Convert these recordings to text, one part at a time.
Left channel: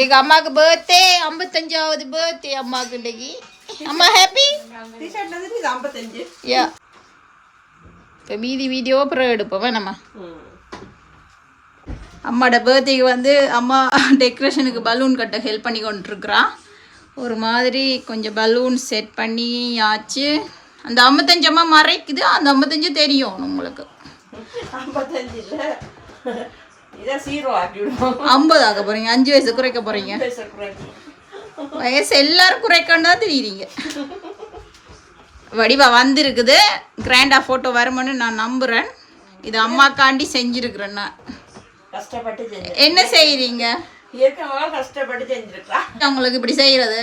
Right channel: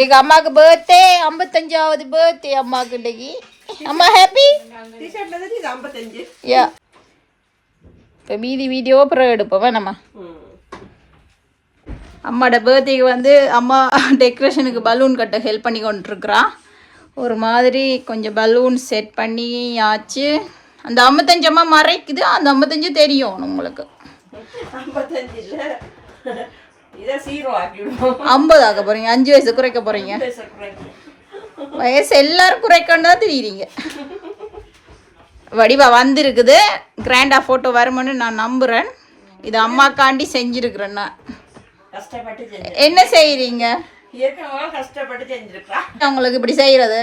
இன்னைக்கு அம்மாவுக்கு birthday ஐம்பத்தஞ்சாவது birthday அம்மாவுக்கு இன்னைக்கு. அம்மா ஹாப்பி யா இப்போ மீதி வீடியோ அப்புறம் எடுப்போம். வேணாம்மா அம்மாவோட பர்த்டேக்கு வந்து அம்மா டெக்கரேஷனுக்கு பலூன் கட்ட ஹெல்ப் பண்ணி கொண்டிருக்கிறா. ஒரு மாதிரி கொஞ்சம் பலூன் செட் பண்ணி ஆச்சு அந்த ஐம்பத்தஞ்சு அம்மா மறைக்குது. அந்த ஐம்பத்தஞ்சு தெரியும் உங்களுக்கு. ஐம்பது ஆக்க போறீங்க அஞ்சு வயசு குறைக்க போறீங்க. வயசு எல்லாரும் குறைக்கணும் தான் தெரியுறீங்க. வடிவா வந்திருக்குது. கிராண்டாக ஃபோட்டோ வரும்னு நான் நம்புகிறேன் இது அம்மாக்காண்டி செஞ்சுருக்கிறேன் நான். என்ன செய்கிறீங்க உங்களுக்கு இப்படி செய்கிறது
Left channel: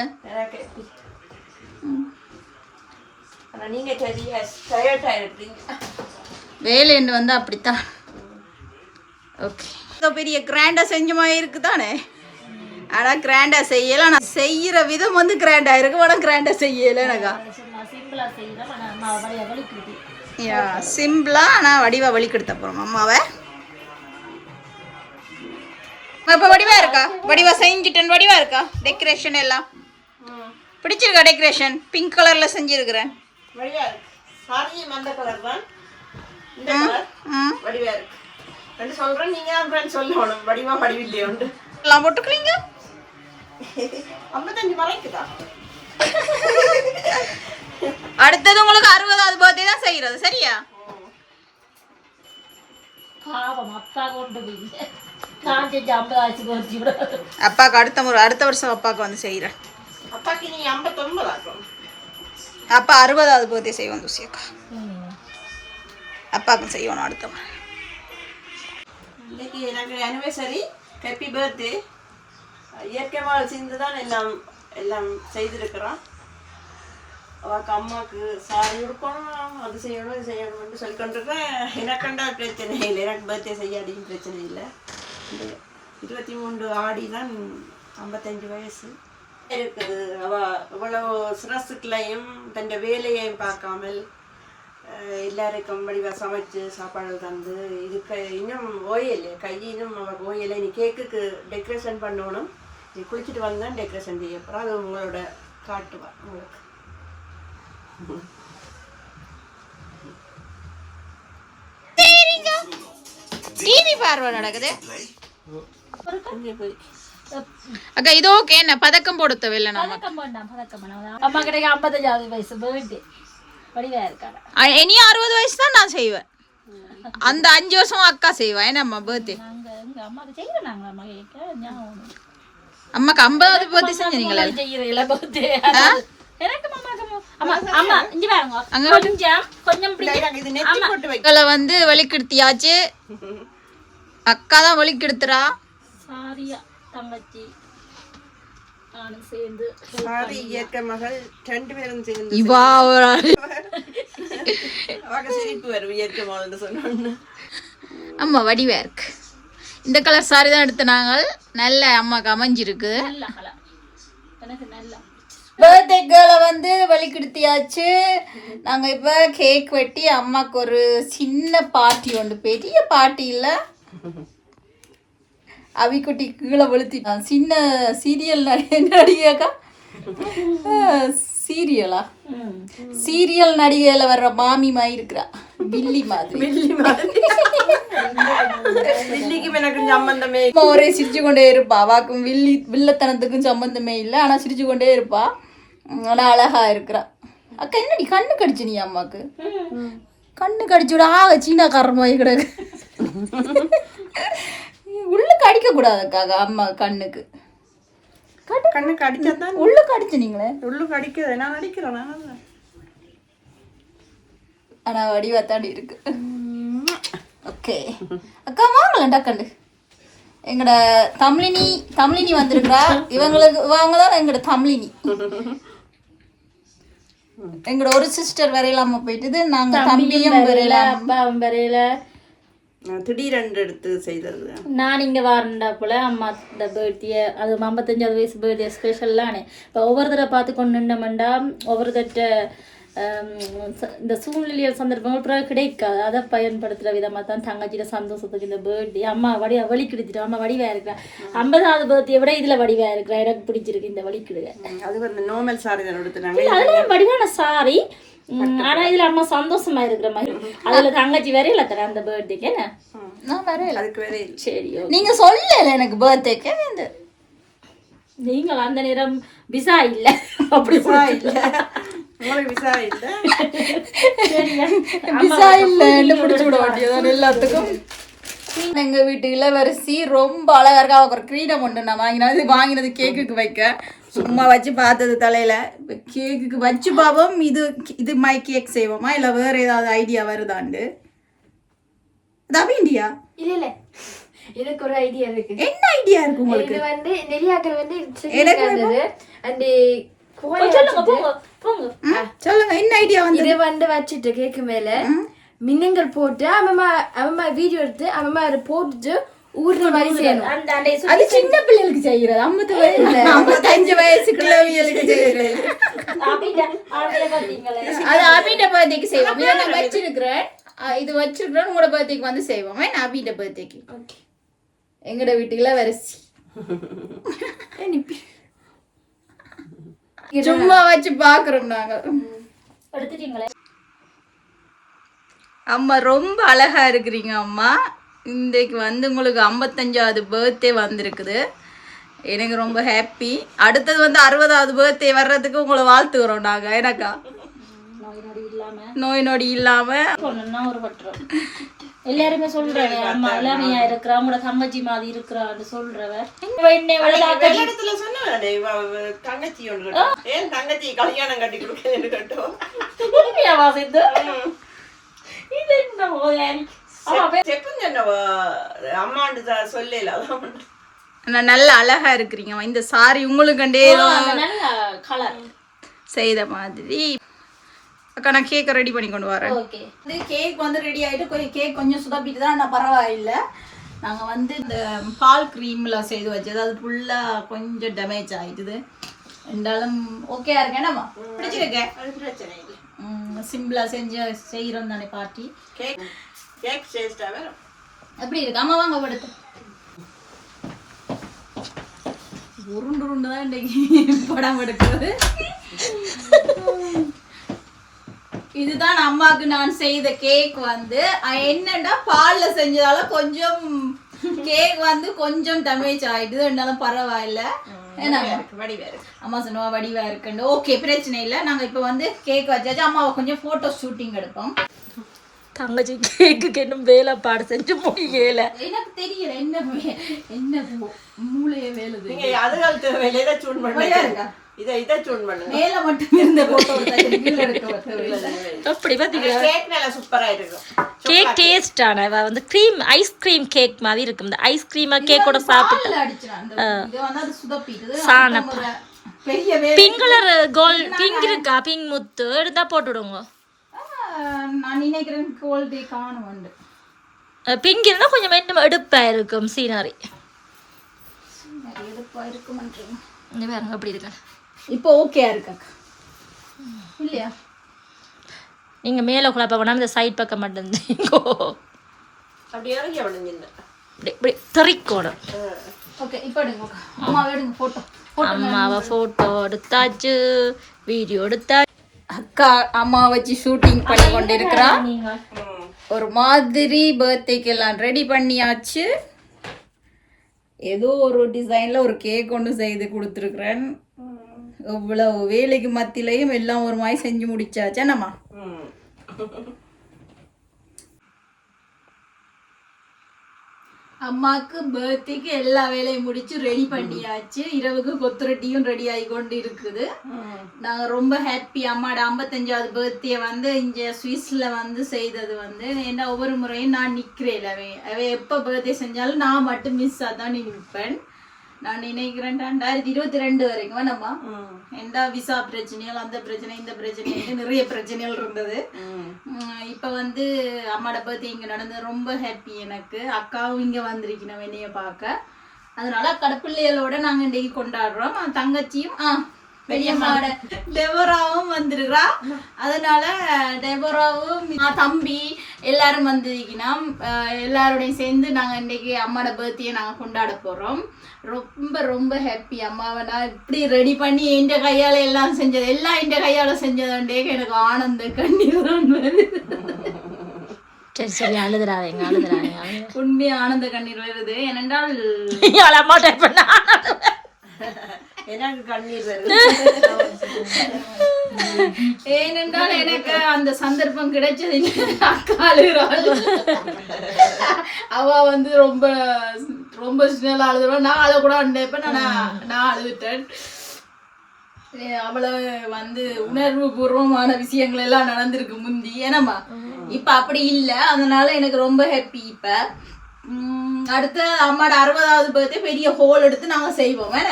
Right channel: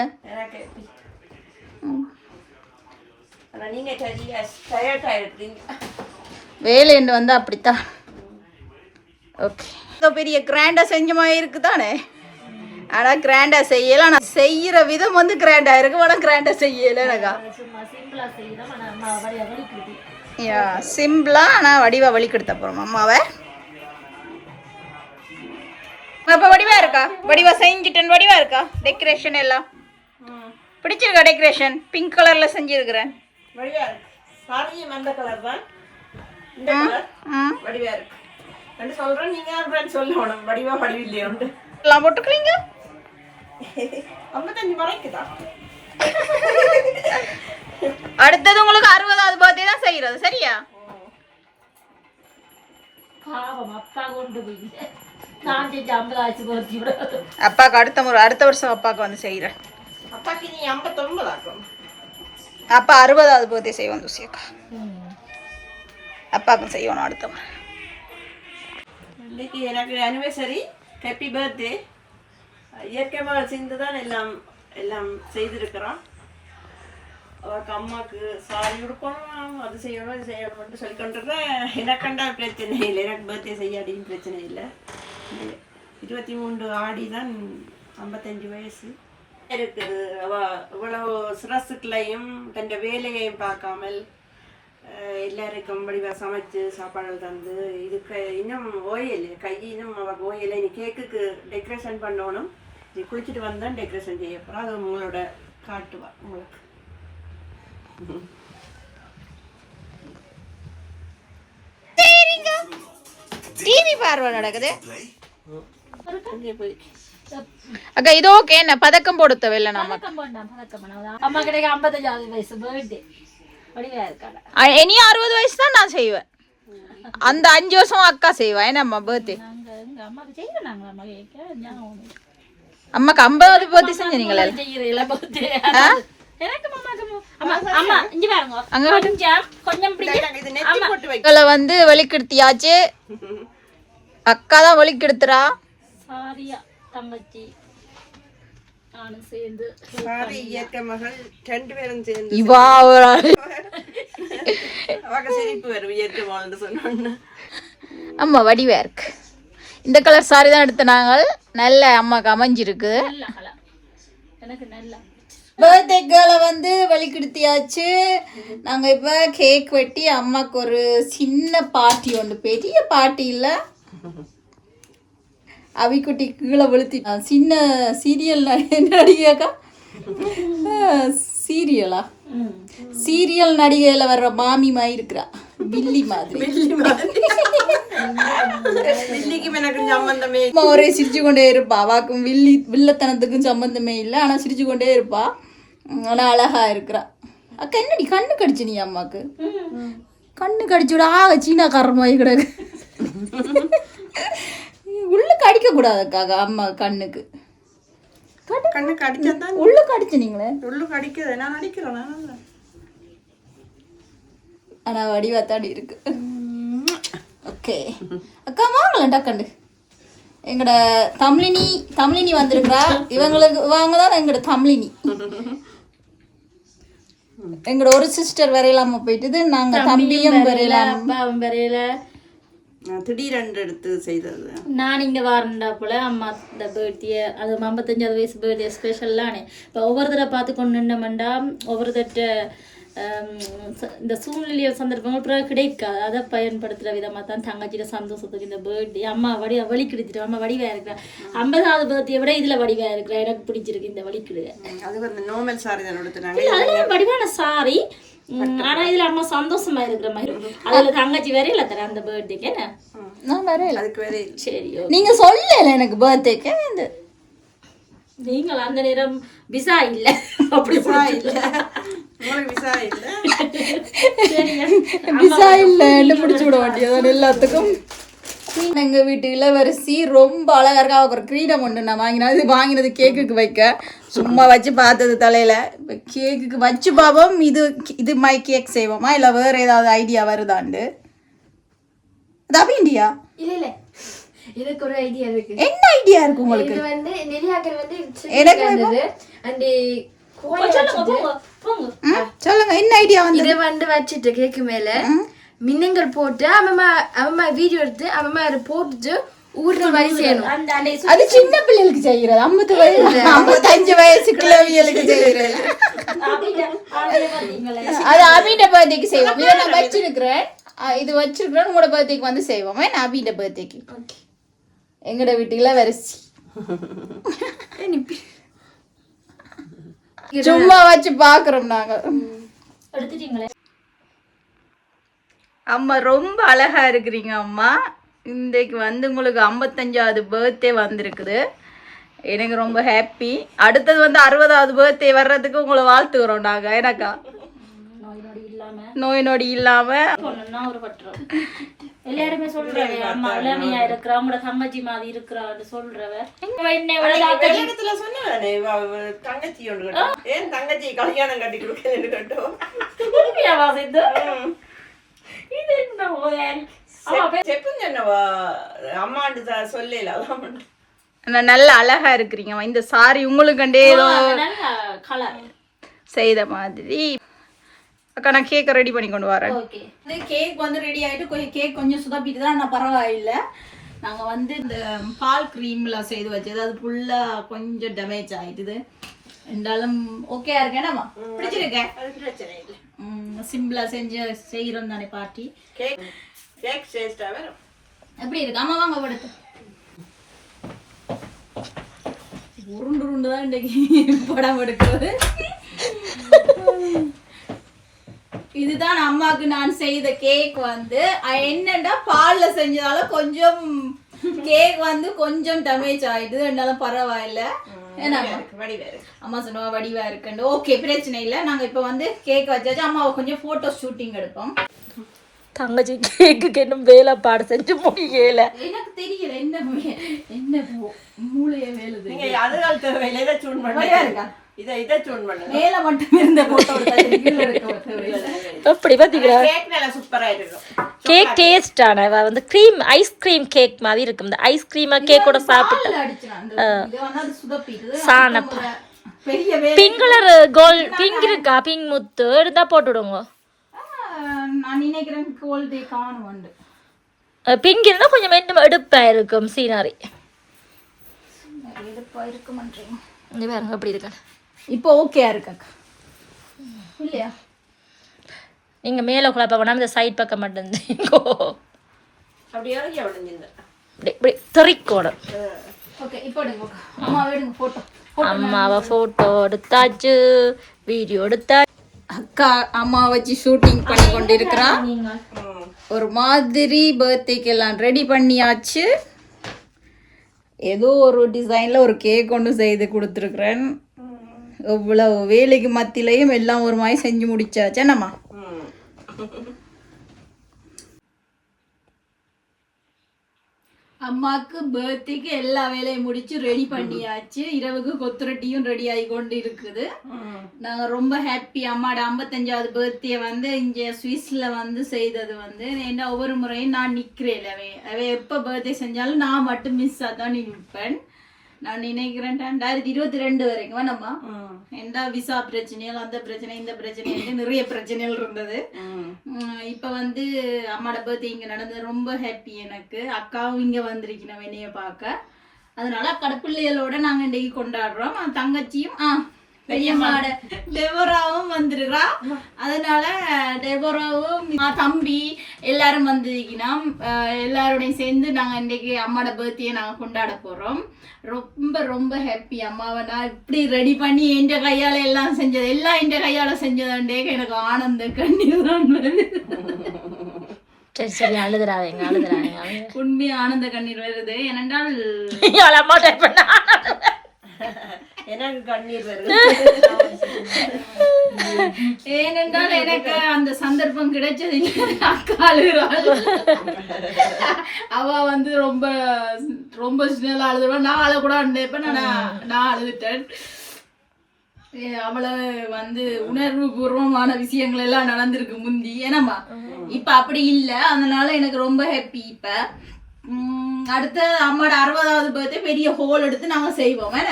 வேலைன்னு வந்து அப்படித்தான். ஓகே. இதோ பெரிய கிராண்டாக செஞ்ச மாதிரி இருக்குதானே? ஆனால் கிராண்டாக செய்யலை. நான் செய்கிற விதம் வந்து கிராண்டாக இருக்கு. ஆனால் கிராண்டாக செய்யலை எனக்கா? யா சிம்பிளாக ஆனால் வடிவா வழி கெடுத்த போகிறோம் அம்மாவை இப்போ வடிவா இருக்கா? வடிவா செஞ்சுட்டேன். வடிவா இருக்கா? டெக்கரேஷன் எல்லாம்? பிடிச்சிருக்கா டெக்கரேஷன் பிங்க் கலரில் செஞ்சுருக்கிறேன். வடிவா இருக்கு. சாரியும் அந்த கலர் தான். இந்த கலர் ம். வடிவா இருக்கு. ரெண்டு சொல்றேன் நீங்க ஃப்ரெண்ட் சொல்லணும்? வடிவா வடிவில்லையே உண்டு. எல்லாம் போட்டுக்கிறீங்க ஐம்பத்தஞ்சு மறைக்குதா அடுத்தது உங்களுக்கு அறுபதாவது பர்த்டே தான் செய்யறது சரியா? பாவம் அப்பா கொண்டு போய். நான் செஞ்ச ஐம்பது ஆச்சு போச்சு விட அப்பாவுக்கு அடுத்த முறை அடுத்த வருஷம் வந்து அப்பாக்கு நீ ஐம்பத்தொன்பது ஆக்கும் அப்பா அறுபதாவது பர்த்டே செய்வோம் தூசியக்கா அப்பாவுக்கும் செய்யணும் அடுத்த முறை. இன்றைக்கி எனக்கு அனிவர்சரி ஹாப்பி பர்த்டே இயற்கை சேர்ந்து தான் எல்லாம் எல்லாம் செய்திருக்கிறோம் அவளுக்கு அம்மாவுக்கு சாரி கொடுக்கணும் அது செய்யணும் இது செய்யணும்னு சொல்லி கொண்டிருக்கேன் எனக்கண்டா பிரச்சனை இல்லை. எனக்கு பர்த்டே செய்யாடியும் பிரச்சனை இல்லை. இருபத்தி மூன்று ஆடி தான் ஐம்பத்தஞ்சு வயசு. இருக்குது. அவள் இவ்வளவு சிரசுக்களையும் தன் வேலையையும் பார்க்காமல் எல்லாருக்கும் வடிவா சமைச்சு சாப்பாடு தந்து இதுக்கு இன்னும் ஓயல் கை இன்னும் அவக்கு ஓயல் இனி கேக்குக்கு டெக்கரேஷன் பண்ணணும். நீ குளிச்சுட்டு வந்தான் டெக்கரேஷன் செய்ய போகிறோம் அது உங்களோட காட்டுவா உங்களுக்கு? டிவி பார்வை நடக்குது. அங்கே போய். அக்கா இது ஓகே என்ன? பதக்கம் போட தேவையில்லை நம்ம. பதக்கம் வேண்டாம் பதக்கம் அம்மா கிடைக்க ஐம்பத்தஞ்சாவது வயசு பர்த்டே இனி அறுபது வயசு தான் நான் செய்வேன். அந்த அஞ்சு வருஷம் அக்கா செய்வா. என்னம்மா பர்த்டே அம்மாக்கு ஐம்பதாவது பர்த்டே செஞ்சீங்களே வந்து வலிக்கெடுத்தியாச்சு. அக்கா தான் வலிக்கெடுத்துறா. சாரியா தங்கச்சி. நானும் சேர்ந்து சாரி இயற்கை மகள் ரெண்டு பேரும் சேர்ந்து இவா ஒரு ஆளு. அவங்க சிரிப்பு வரும் இயற்கை மகள்னு சொன்னோன்னு. ஆமா வடிவா இருக்கு. இந்த கலர் சாரி தான் எடுத்த நாங்கள். நல்ல அம்மாக்கு அமைஞ்சிருக்கு. எனக்கு நல்லா. பர்த்டே கேர்ளை வந்து வலிக்கெடுத்தியாச்சு நாங்கள் இப்போ கேக் வெட்டி அம்மாவுக்கு ஒரு சின்ன பார்ட்டி ஒன்று பெரிய பார்ட்டி இல்லை? அவிக்குட்டி கீழே வெளுத்தி சின்ன சீரியல் நடிகைக்கா சீரியலா சீரியல் நடிகையில் வர்ற மாமி மாதிரி இருக்கிறா. பில்லி மாதிரி. வில்லி மாதிரி. அம்மா ஒரே சிரிச்சு கொண்டே இருப்பா. அவாக்கும் வில்லி வில்லத்தனத்துக்கும் சம்பந்தமே இல்லை. ஆனால் சிரிச்சு கொண்டே இருப்பா. ஆனால் அழகா இருக்கிறா. அக்கா என்னடி கண்ணு கடிச்சு நீ அம்மாக்கு? கண்ணு கடிச்சு விட ஆ சீனாக்காரன் மாதிரி கிடக்கு. உள்ளுக்கு அடிக்க கூடாது அக்கா அம்மா கண்ணுக்கு. கண்ணுக்கு அடிச்சாதான் உள்ளுக்கு அடிச்சு நீங்களே உள்ளுக்கு அடிக்குது. நான் அடிக்கிறேன் நான் ஆனா வடிவாத்தாடி இருக்கு. ஓகே. அக்கா வாங்கலாம் டக்கண்டு எங்கட தமிழினி தமிழினி வந்திருக்கிறா இவங்களுக்கு இவங்க தான் எங்கட தமிழினி. எங்கட ஒரு சிஸ்டர் வரையிலாம போயிட்டுது. நாங்க தம்பியும் வரையிலாம அப்பாவும் வரையில. திடீரென்று எடுத்து செய்தது. நான் இங்கே வரண்டா போல அம்மா இந்த பர்த்டே அது ஐம்பத்தஞ்சாவது வயசு பர்த்டே ஸ்பெஷல்லானே இப்போ ஒவ்வொரு தடவை பார்த்து கொண்டு நின்றமெண்டா ஒவ்வொரு தட்ட ஹம், ச- இந்த சூழ்நிலை சந்தர்ப்பங்கள் பிறகு கிடைக்காது. அதை பயன்படுத்துகிற விதமாக தான் தங்கச்சியோட சந்தோஷத்துக்கு இந்த பர்த்டே அம்மா வடி வழி கிடைச்சிட்டு அம்மா வடிவாக இருக்கிறேன். ஐம்பதாவது பர்த்டே விட இதில் வடிவாக இருக்கிறேன். எனக்கு பிடிச்சிருக்கு இந்த வழி கிடுக அது வந்து நார்மல் சாரி தான் வடிவான சாரி ஆனா இதுல அம்மா சந்தோஷமா இருக்கிற மாதிரி. அதுல தங்கச்சி வேற இல்ல தர அந்த பர்த்டேக்கு என்ன? நான் வரேன் அதுக்கு வேற இல்லை. சரி. நீங்க சொல்லல எனக்கு பர்த்டேக்கு இந்த நீங்கள் அந்த நேரம் விசா இல்ல. அப்படி விசா இல்ல. உங்களுக்கு விசா இல்ல? விசா இல்லைன்னு பிடிச்சி விட வேண்டியதான் எல்லாத்துக்கும். எங்க வீட்டு இளவரசி ரொம்ப அழகா இருக்கா ஒரு கிரீடம் ஒன்று நான் வாங்கினேன் இது வாங்கினது கேக்குக்கு வைக்க. சும்மா வச்சு பார்த்தது தலையில. இப்போ கேக்குக்கு வச்சு பார்ப்போம். இது இது மாதிரி கேக் செய்வோமா? இல்லை வேற ஏதாவது ஐடியா வருதாண்டு? அது அபிண்டியா? இல்ல இல்ல. எனக்கு ஒரு ஐடியா இருக்கு. என்ன ஐடியா இருக்கு உங்களுக்கு? இது வந்து நெல்லியாக்கள் வந்து எனக்கு அந்த சொல்லுங்க என்ன ஐடியா வந்து இதை வந்து வச்சுட்டு கேக்கு மேல. மின்னங்கள் போட்டு அம்மா அம்மா வீடியோ எடுத்து அம்மா அதை போட்டுட்டு ஊர்ற மாதிரி செய்யணும். அது சின்ன பிள்ளைகளுக்கு செய்யறது ஐம்பது வயசு ஐம்பத்தஞ்சு வயசு கிழவிகளுக்கு பாத்தீங்களா? அது அபிட்ட பர்த்டேக்கு செய்வோம். நான் வச்சிருக்கிறேன். இது வச்சிருக்கிறேன் உங்களோட பர்த்டேக்கு வந்து செய்வோம். ஏன்னா அபிட்ட பர்த்டேக்கு? எங்கட வீட்டுக்குள்ள வரிசி. சும்மா வச்சு பாக்குறோம் நாங்க. அம்மா ரொம்ப அழகா இருக்கிறீங்க அம்மா. இன்றைக்கு வந்து உங்களுக்கு ஐம்பத்தஞ்சாவது பர்த்டே வந்திருக்குது. எனக்கு ரொம்ப ஹாப்பி அடுத்தது வந்து அறுபதாவது பர்த்டே வர்றதுக்கு உங்களை வாழ்த்துக்கிறோம் நாங்க. எனக்கா நோய் நொடி இல்லாம. நோய் நொடி இல்லாம போனோம்னா ஒரு பட்டுரும் எல்லாருமே சொல்றாங்க அம்மா இளமையா இருக்கிறா உங்களோட தங்கச்சி மாதிரி இருக்கிறான்னு சொல்றவ என்னை விட வெளியிடத்துல சொன்னே தங்கச்சி ஒன்று கட்டும். ஏன் தங்கச்சி கல்யாணம் கட்டி கொடுக்கலன்னு கட்டும்? நல்ல அழகா இருக்கிறீங்க. இந்த சாரி உங்களுக்கு ஏதோ செய்த மாதிரி. அக்கா நான் கேக்கை ரெடி பண்ணி கொண்டு வரேன். ஓகே. இந்த கேக் வந்து ரெடி ஆயிட்டு கொஞ்சம் கேக் கொஞ்சம் சுதப்பிட்டு தான் ஆனால் பரவாயில்ல. நாங்க வந்து இந்த பால் க்ரீம்ல செய்து வச்சது அது ஃபுல்லா கொஞ்சம் டேமேஜ் ஆயிட்டுது. இருந்தாலும் ஓகே இருக்கேன் பிடிச்சிருக்கேன். அது பிரச்சனை இல்லை. சிம்பிளா செஞ்சு செய்கிறோம் தானே பார்ட்டி கேக் கேக் டேஸ்டா வரும் எப்படி இருக்கு? ஆமா வாங்க படுத்து உருண்டு உருண்டு தான் இன்னைக்கு படம் எடுக்கிறது. இதுதான் அம்மாவுக்கு நான் செய்த கேக் வந்து. என்னன்னா பால்ல செஞ்சதால கொஞ்சம் கேக் வந்து கொஞ்சம் டேமேஜ் ஆயிடுது இருந்தாலும் பரவாயில்ல. அம்மா சொன்னவா வடிவா இருக்குண்டு. ஓகே பிரச்சனை இல்லை. நாங்க இப்போ வந்து கேக் வச்சாச்சு அம்மாவை கொஞ்சம் போட்டோ ஷூட்டிங் எடுப்போம். தங்கச்சி கேக்குக்கு இன்னும் வேலை பாடு செஞ்சு முடியல. எனக்கு தெரியல. என்ன என்ன மூளையே வேலுது. நீங்க அதுகளுக்கு வேலையை இதை சூன் பண்ணுங்க. இருக்கா? இதை இதை சூன் பண்ணுங்க. மேல மட்டும் இருந்த போட்டோ. எப்படி பாத்தீங்களா? கேக் நல்லா சூப்பரா இருக்கும் கேக் டேஸ்டான வந்து க்ரீம் ஐஸ்கிரீம் கேக் மாதிரி இருக்கும் இந்த ஐஸ்கிரீமா கேக்கோட சாப்பிட்டு பால்ல அடிச்சிடும் அந்த இது வந்து அது சுதப்பிடுது சாண அடுத்த முறை பெரிய வேலை பிங்க் கலர் கோல்ட் பிங்க் இருக்கா? பிங்க் முத்து. எடுத்தா போட்டு விடுங்க ஆஹ் நான் நினைக்கிறேன் கோல்டே காணும் உண்டு. பிங்க் இருந்தா கொஞ்சம் மென்னும் எடுப்பா இருக்கும் சீனரி எடுப்பா இருக்குமன்றீங்க இந்த பாருங்க எப்படி இருக்கு. இப்போ ஓகேயா இருக்கு. இல்லையா? நீங்க மேல குழப்ப வேணாம் இந்த சைட் பக்கம் மட்டும் இப்படி போட்டோ அம்மாவை போட்டோ எடுத்தாச்சு. வீடியோ எடுத்தா அக்கா அம்மா வச்சு ஷூட்டிங் பண்ணி கொண்டு இருக்கிறா ஒரு மாதிரி பர்த்டேக்கு எல்லாம் ரெடி பண்ணியாச்சு. ஏதோ ஒரு டிசைன்ல ஒரு கேக் ஒன்று செய்து கொடுத்துருக்குறேன். இவ்வளவு வேலைக்கு மத்தியிலையும் எல்லாம் ஒரு மாதிரி செஞ்சு முடிச்சாச்சா. நம்ம அம்மாக்கு பர்த்டேக்கு எல்லா வேலையும் முடிச்சு ரெடி பண்ணியாச்சு. இரவுக்கு கொத்துரட்டியும் ரெடி ஆகி கொண்டு இருக்குது நாங்க ரொம்ப ஹாப்பி அம்மாட ஐம்பத்தஞ்சாவது பர்த்டே வந்து இங்க சுவிஸ்ல வந்து செய்தது வந்து ஏன்னா ஒவ்வொரு முறையும் நான் நிக்கிறேன் அவ அவ எப்ப பர்த்டே செஞ்சாலும் நான் மட்டும் மிஸ் ஆதான் நிற்பேன் நான் நினைக்கிறேன் ரெண்டாயிரத்தி இருபத்தி ரெண்டு வரைக்கும் வேணாமா எந்த விசா பிரச்சனைகள் அந்த பிரச்சனை இந்த பிரச்சனை நிறைய பிரச்சனைகள் இருந்தது. இப்ப வந்து அம்மாட பர்த்டே இங்க நடந்தது. ரொம்ப ஹாப்பி எனக்கு. அக்காவும் இங்க வந்திருக்கணும் என்னைய பார்க்க. அதனால அக்கட பிள்ளைகளோட நாங்க இன்றைக்கு கொண்டாடுறோம். தங்கச்சியும் ஆ பெரியம்மாவோட டெபோராவும் வந்திருக்கிறா அதனால டெபோராவும் மா தம்பி எல்லாரும் வந்திருக்கணும். எல்லாரோடையும் சேர்ந்து நாங்கள் இன்னைக்கு அம்மாவோட பர்த்டே நாங்கள் கொண்டாட போகிறோம் ரொம்ப ரொம்ப ஹாப்பி அம்மாவை நான் இப்படி ரெடி பண்ணி எந்த கையால் எல்லாம் செஞ்சது எல்லாம் எந்த கையால் செஞ்சதுண்டே எனக்கு ஆனந்த கண்ணீர் தான் வருது. சரி சரி அழுதுறாதீங்க அழுதுறாதீங்க உண்மையா ஆனந்த கண்ணீர் வருது. ஏனென்றால் அம்மா டைப் பண்ண ஏனென்றால் எனக்கு அந்த சந்தர்ப்பம் கிடைச்சது அக்காளுகிறாள் அக்கா அவ வந்து ரொம்ப ரொம்ப சின்ன அழுதுவா நான் அழ கூட அண்டேப்ப நான் நான் அழுதுட்டேன். அவளை வந்து உணர்வு பூர்வமான விஷயங்கள் எல்லாம் நடந்திருக்கு முந்தி. ஏனம்மா இப்ப அப்படி இல்லை. அதனால எனக்கு ரொம்ப ஹாப்பி இப்ப. அடுத்த அம்மாட அறுபதாவது பர்த்டே பெரிய ஹோல் எடுத்து நாங்க செய்வோம். வேற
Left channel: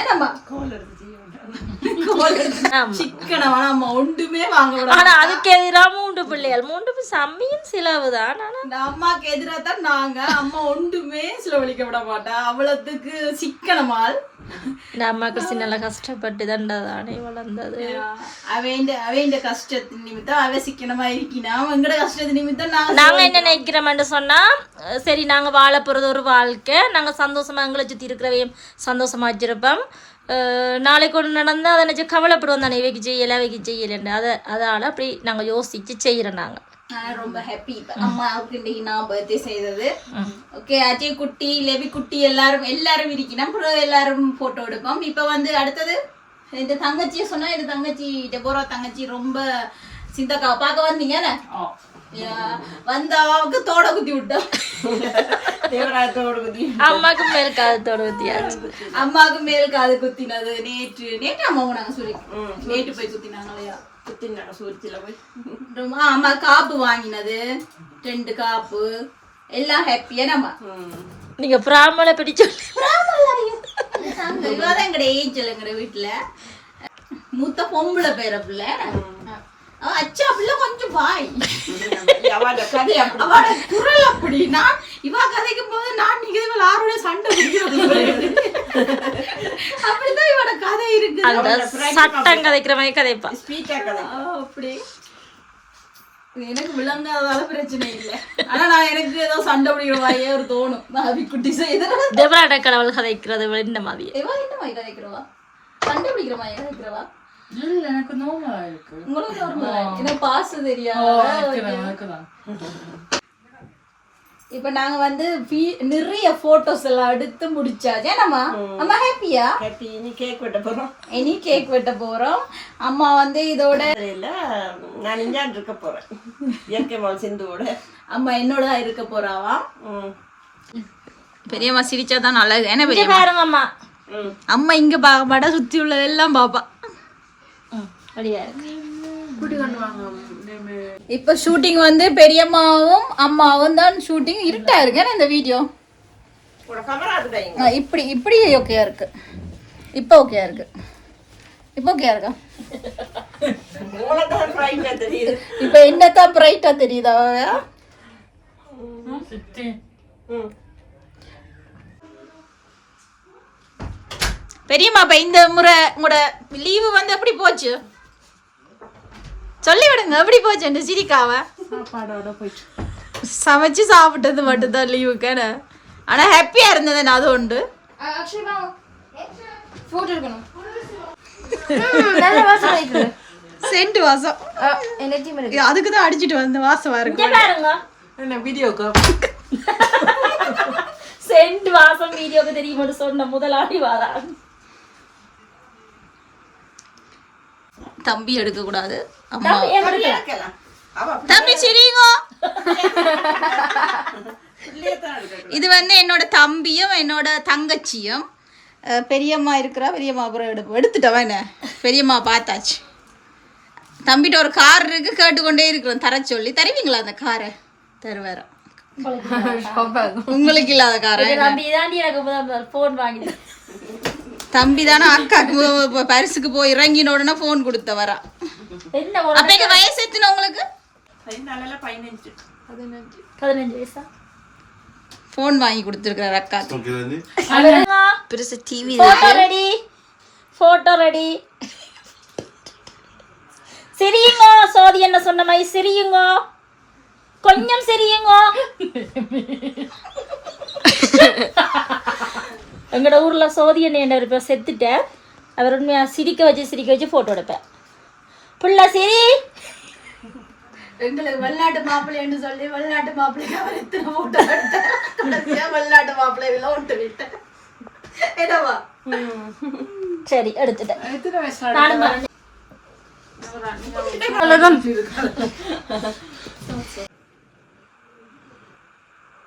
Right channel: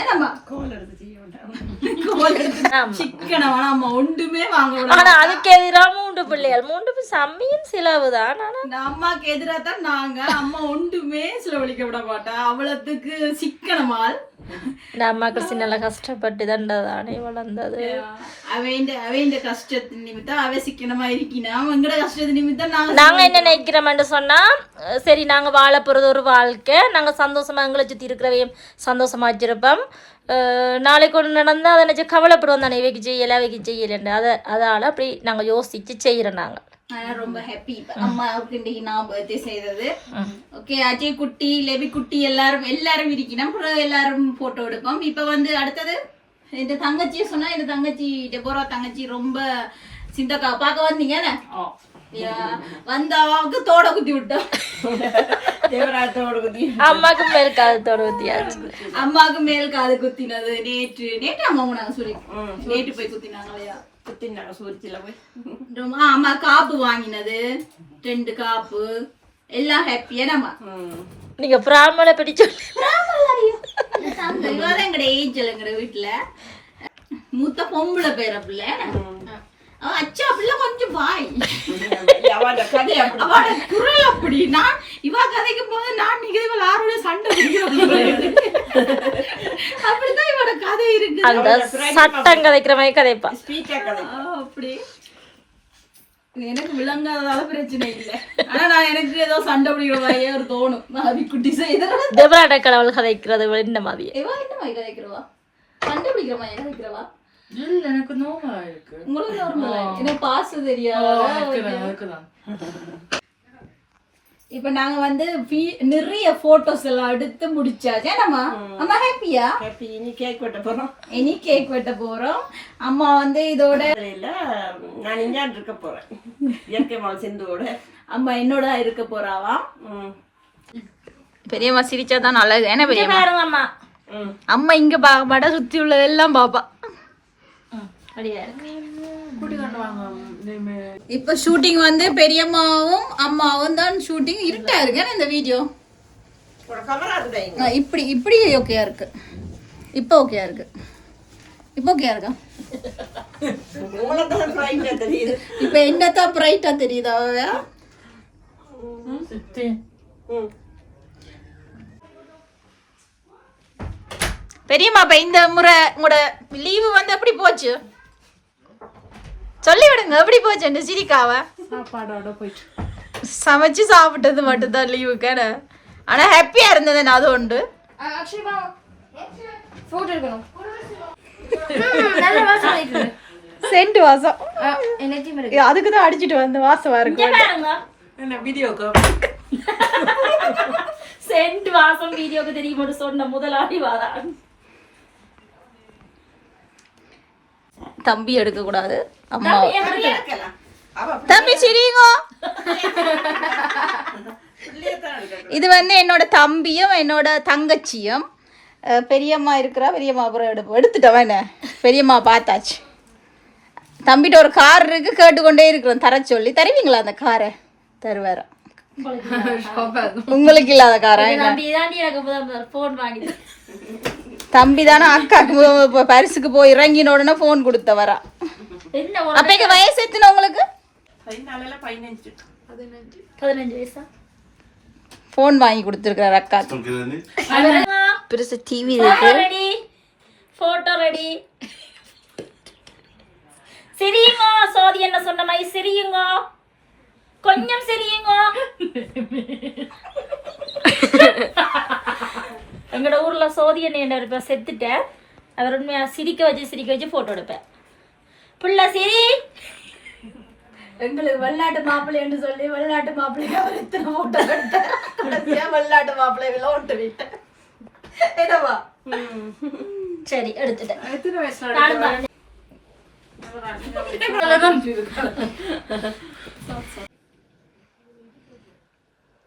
ஏனம்மா கோல் எடுத்து ஒன்றுமே வாங்க ஆனா அதுக்கு எதிரா மூன்று பிள்ளைகள். மூன்று சம்மியும் சிலவு தான் ஆனா அம்மாக்கு எதிராக தான் நாங்க அம்மா ஒன்றுமே செலவழிக்க விட மாட்டா. அவ்வளவுக்கு சிக்கனமால். இந்த அம்மாக்கு சின்ன கஷ்டப்பட்டு தண்டதானே வளர்ந்தது. அவைண்ட அவைண்ட கஷ்டத்தின் நிமித்தம் அவ சிக்கனமா இருக்கினா? எங்கட கஷ்டத்தின் நிமித்தம் நாங்க நாங்க என்ன நினைக்கிறோம்னு சொன்னா சரி நாங்க வாழ போறது ஒரு வாழ்க்கை. நாங்க சந்தோஷமா எங்களை சுத்தி இருக்கிறவையும் சந்தோஷமா வச்சிருப்போம். நாளைக்கு ஒன்று நடந்தா அதை நினைச்சு கவலைப்படுவோம் தானே இவைக்கு செய்யல அவைக்கு செய்யலன்னு அதை அதால அப்படி நாங்க யோசிச்சு செய்யறோம் நாங்க நான் ரொம்ப ஹாப்பி அம்மாவுக்கு இன்னைக்கு நான் பர்த்டே செய்தது ஓகே அஜய் குட்டி லெபி குட்டி எல்லாரும் எல்லாரும் இருக்கணும் எல்லாரும் போட்டோ எடுப்போம் இப்ப வந்து அடுத்தது இந்த தங்கச்சியை சொன்னா இந்த தங்கச்சி டெபோரா தங்கச்சி ரொம்ப சிந்தக்கா பார்க்க வந்தீங்க என்ன? யா, வந்த அவாவுக்கு தோட குத்தி விட்டோம் குதி அம்மாக்கு மேல் காலத்தோட ஊத்தியாச்சு அம்மாவுக்கு மேல் காது குத்தினது நேற்று நேற்று அம்மா நாங்க சொல்லி நேற்று போய் குத்தினாங்களையா குத்தினாங்க சூரிச்சில போய் அம்மா காப்பு வாங்கினது ரெண்டு காப்பு எல்லாம் ஹாப்பியா நம்ம. நீங்க பிராமலை பிடிச்சு இவதான் எங்கட ஏஞ்சலுங்கிற வீட்டுல மூத்த பொம்பளை பேர பிள்ளை அச்சா பிள்ளை கொஞ்சம் வாய். அவட கதை அப்படி. அவட குரல் அப்படி நான் இவ கதைக்கும் போது நான் நிகழ்வுகள் ஆறுடைய சண்டை அப்படிதான் இவட கதை இருக்கு அந்த சட்டம் கதைக்கிற மாதிரி கதைப்பா. அப்படி. எனக்கு விளங்காதால பிரச்சனை இல்லை. ஆனா நான் எனக்கு ஏதோ சண்டை பிடிக்கிற மாதிரியே ஒரு தோணும். பாவி குட்டி கடவுள் கதைக்கிறது என்ன மாதிரி கதைக்கிறவா? சண்டை பிடிக்கிற மாதிரி கதைக்கிறவா? எனக்கு நோமா இருக்கு. உங்களுக்கு நார்மலா எனக்கு பாச தெரியாத இப்ப நாங்க வந்து நிறைய போட்டோஸ் எல்லாம் எடுத்து முடிச்சாச்சு. நம்ம அம்மா ஹாப்பியா கட்டி இனி கேக் வெட்ட போறோம். இனி கேக் வெட்ட போறோம். அம்மா வந்து இதோட இல்ல நான் இஞ்சான் இருக்க போறேன். இயற்கை வாழ் சிந்துவோட. அம்மா என்னோட இருக்க போறாவாம் பெரியம்மா சிரிச்சா தான் நல்லது. என்ன பெரியம்மா? அம்மா இங்க பார்க்க மாட்டா சுத்தி உள்ளதெல்லாம் பாப்பா. அப்படியா இப்ப ஷூட்டிங் வந்து பெரியம்மாவும் அம்மாவும் தான் ஷூட்டிங் இருட்டா இருக்கு. ஏன்னா இந்த வீடியோ இப்படி இப்படி ஓகேயா இருக்கு. இப்போ ஓகேயா இருக்கு. இப்போ ஓகேயா இருக்கா? இப்போ என்னத்தான் பிரைட்டா தெரியுதா? பெரியம்மா இப்ப இந்த முறை உங்களோட லீவு வந்து எப்படி போச்சு? சொல்லி விடுங்க எப்படி போச்சு இந்த சிரிக்காவ? சாப்பாடோட போயிட்டு. சமைச்சு சாப்பிட்டது மட்டும்தான் லீவுக்கான ஆனா ஹாப்பியா இருந்தது நான் அது உண்டு. சென்ட் வாசம். அதுக்கு தான் அடிச்சிட்டு வந்து வாசம் இருக்கு பாருங்க. என்ன வீடியோக்கு? சென்ட் வாசம் வீடியோக்கு தெரியுமா சொன்ன முதலாளி வாரா. தம்பி எடுக்க கூடாது அம்மா. தம்பி சிரிங்க. இது வந்து என்னோட தம்பியும் என்னோட தங்கச்சியும். பெரியம்மா இருக்கிறா பெரியம்மா அப்புறம் எடுப்போம் எடுத்துட்டவன் என்ன? பெரியம்மா பார்த்தாச்சு. தம்பிட்ட ஒரு கார் இருக்கு கேட்டுக்கொண்டே இருக்கிறோம். தர சொல்லி. தருவீங்களா அந்த காரை? தருவாரோ உங்களுக்கு இல்லாத காரா என்ன? தம்பி தானே அக்காக்கு பரிசுக்கு போய் இறங்கின உடனே ஃபோன் கொடுத்த வரா. அப்பக்கு வயசு எத்தனை உங்களுக்கு? ஃபோன் வாங்கி கொடுத்துருக்காரு அக்காக்கு பெருசு டிவி ரெடி போட்டோ ரெடி சிரியுங்க. சோதி என்ன சொன்ன மாதிரி சிரியுங்க. கொஞ்சம் சிரியுங்க. எங்களோட ஊர்ல சோதி என்ன இருப்ப செத்துட்டேன் அவர் உண்மையா சிரிக்க வச்சு சிரிக்க வச்சு போட்டோ எடுப்பேன். புள்ள சிரி. எங்களுக்கு வெளிநாட்டு மாப்பிள்ளைன்னு சொல்லி வெளிநாட்டு மாப்பிள்ளைக்கு அவர் இத்தனை எடுத்தார். கடைசியா வெளிநாட்டு மாப்பிள்ளைகளை ஒட்டு விட்டேன்? என்னவா? சரி எடுத்துட்டேன். எத்தனை நானும் வரேன்.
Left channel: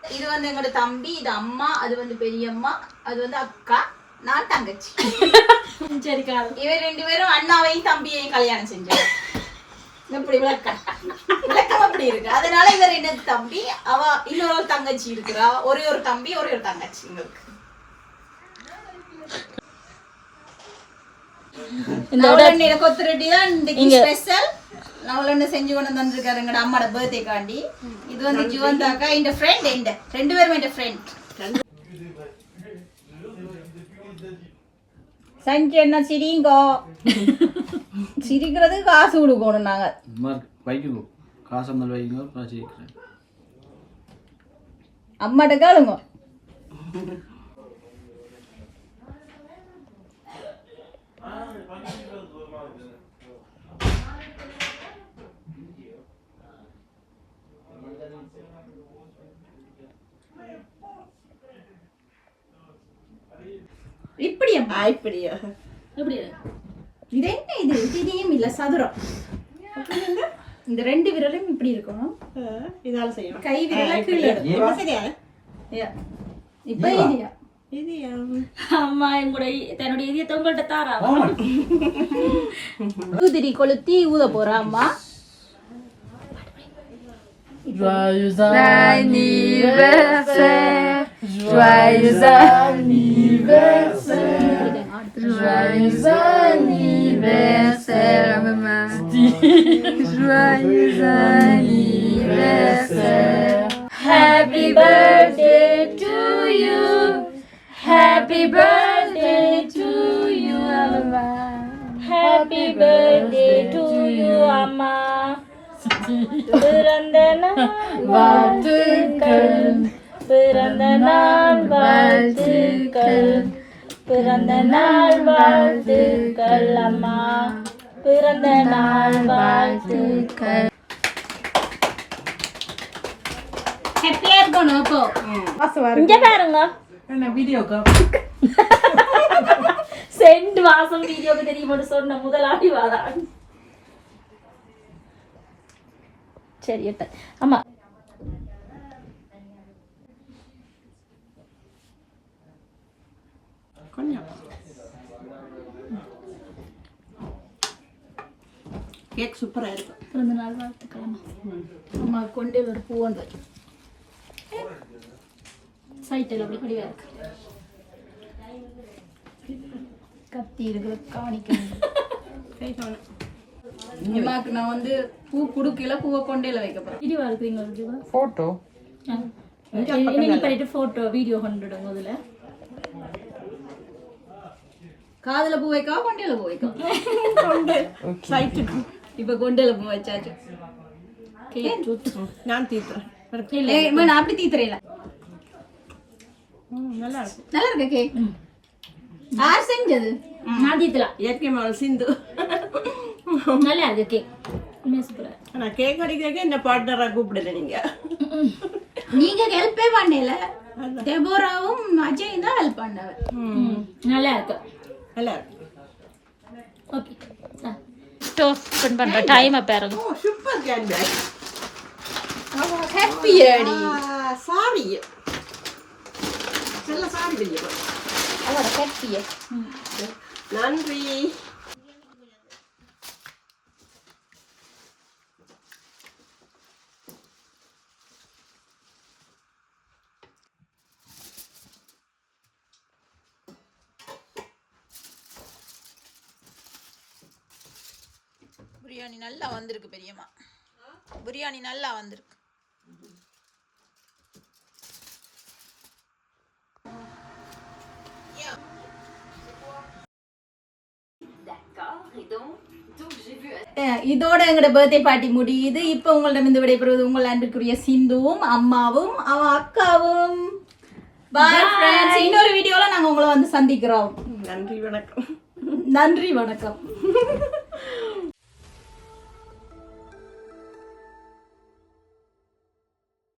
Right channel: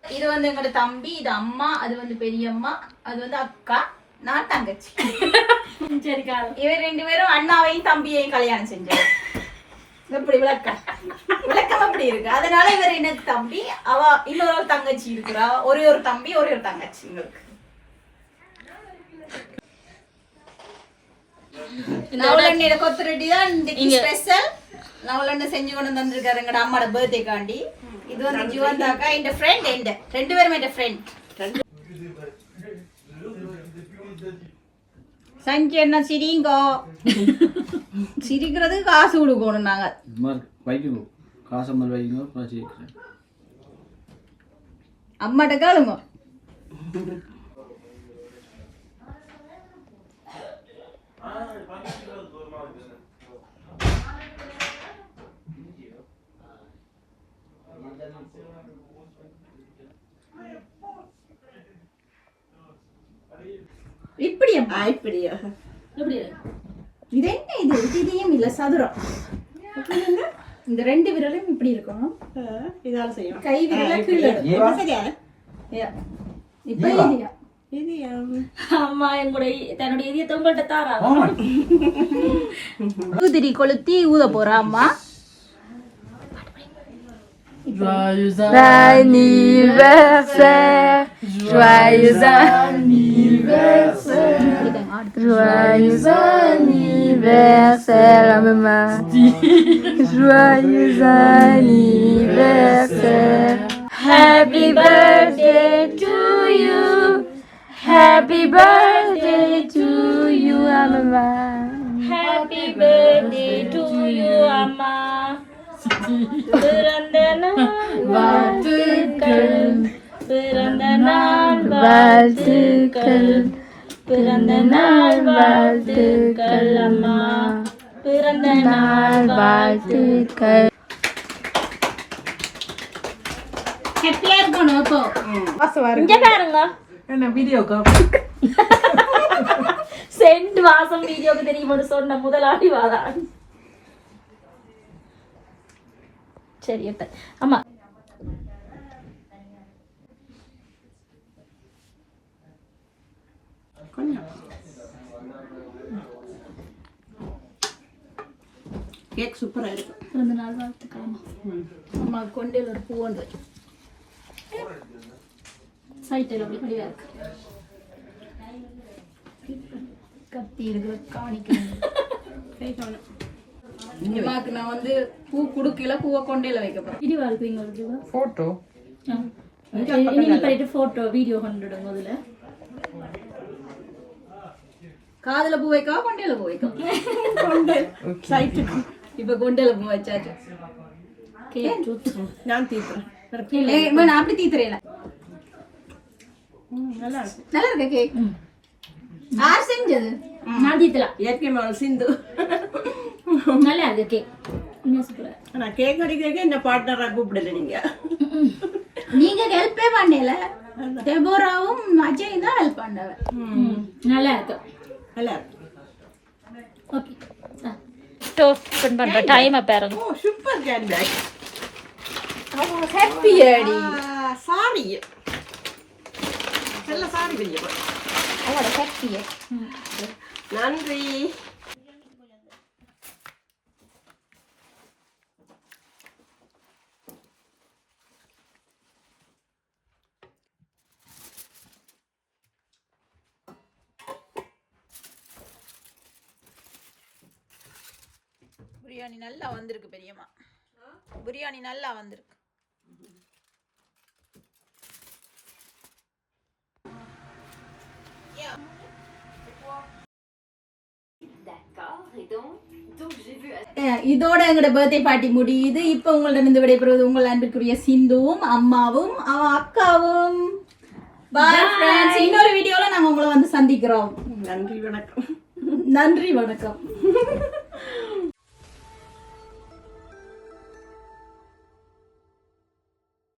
இது வந்து எங்களோட தம்பி இது அம்மா அது வந்து பெரியம்மா அது வந்து அக்கா நான் தங்கச்சி. இவர் ரெண்டு பேரும் அண்ணாவையும் தம்பியையும் கல்யாணம் செஞ்சாரு. இப்படி விளக்கம். விளக்கம் அப்படி இருக்கு. அதனால இவர் எனக்கு தம்பி அவ இன்னொரு தங்கச்சி இருக்கிறா. ஒரே ஒரு தம்பி ஒரே ஒரு தங்கச்சி இவருக்கு. நவலண்ணியோட கொத்து ரெட்டி தான் இன்னைக்கு ஸ்பெஷல் நவலண்ணு செஞ்சு கொண்டு வந்திருக்காரு எங்கட அம்மாட பர்த்டே காண்டி. இது வந்து ஜுவந்தாக்கா இந்த ஃப்ரெண்ட் எந்த ரெண்டு பேரும் என் ஃப்ரெண்ட் சஞ்சு என்ன சிரிங்கோ? சிரிக்கிறதுக்கு காசு கொடுக்கணும் நாங்க. சும்மா வைக்குங்க காசை சீக்கிரம் அம்மாட்ட கேளுங்க. இப்படி அம்மா இப்படியா? எப்படி இது என்ன இது? இதையும் இல்ல சதுரம். இந்த ரெண்டு விரலும் இப்படி இருக்கணும். இதால செய்யணும். கை விரல கீழே. இப்ப இல்லையா இது அம்மா என்னுடைய தன்னுடைய இதயத்தை உங்கள்கிட்ட தாரா? ஊதிரி கொளுத்தி ஊத போறா அம்மா. Anniversaire, joyeux anniversaire, joyeux anniversaire, maman. Joyeux anniversaire. Happy birthday to you. Happy birthday to you, maman. Happy birthday to you அம்மா பிறந்த நாள் வாழ்த்துக்கள் பிறந்த நாள் வாழ்த்துக்கள் பிறந்த நாள் வாழ்த்துக்கள் அம்மா. பிறந்த நாள் வாழ்த்துக்கள். ஹாப்பியா இருக்கணும் அப்போ இங்க பாருங்க. என்ன வீடியோக்கா? சென்ட் வாசம் வீடியோக்கு தெரியுமோன்னு சொன்ன முதலாளி வாதான். சரி ஆமா கேக் சூப்பரா இருக்கும். பிறந்த நாள் வாழ்த்துக்கள் அம்மா அம்மா கொண்டையில் ஒரு பூ ஒன்று சைட்டில் அப்படி படிவா இருக்கு. கத்தி இருக்கிற காணிக்கணும் அம்மாக்கு நான் வந்து பூ குடுக்கல பூவை கொண்டையில வைக்க போறேன். இதுவா இருக்கு இங்க ஒரு போட்டோ இன்னைக்கு பண்ணிட்டு போட்டோ வீடியோ கொண்டுடுங்க அதுல காதுல பூ வைக்கவா கொண்டையில பூ வைக்கவா? சைட்டு இப்ப கொண்டையில பூ வச்சாச்சு நான் அம்மா, நான் அப்படி தீத்துறேன் நல்லா இருக்கும் நல்லா இருக்க கேக் யார் செஞ்சது? நான் தீத்தலாம். இயற்கை மகள் சிந்து. நல்லா இருக்கு கேக் ஆனா கேக் அடிக்கிறதுக்கு என்ன பார்ட்னரா கூப்பிடல நீங்க. நீங்க ஹெல்ப்பே பண்ணல. டெபோராவும் அஜயும் தான் ஹெல்ப் பண்ணவன் நல்லா இருக்கு. நல்லா இருக்கு. ஓகே டோஸ்ட் பண்ற டைமை பாருங்க. ஓ சூப்பர் கேன் பேக் ஹாப்பி அடி சாரி நல்ல சாரி ஹாப்பி நன்றி பிரியாணி நல்லா வந்திருக்கு பெரியம்மா. பிரியாணி நல்லா வந்திருக்கு. இதோட எங்களோட பர்த்டே பார்ட்டி முடியுது. இப்போ உங்களிடம் இந்த விடைபெறுவது உங்கள் அன்பிற்குரிய சிந்துவும் அம்மாவும் அவன் அக்காவும். இன்னொரு வீடியோல நாங்க உங்களை வந்து சந்திக்கிறோம். நன்றி வணக்கம். நன்றி வணக்கம்.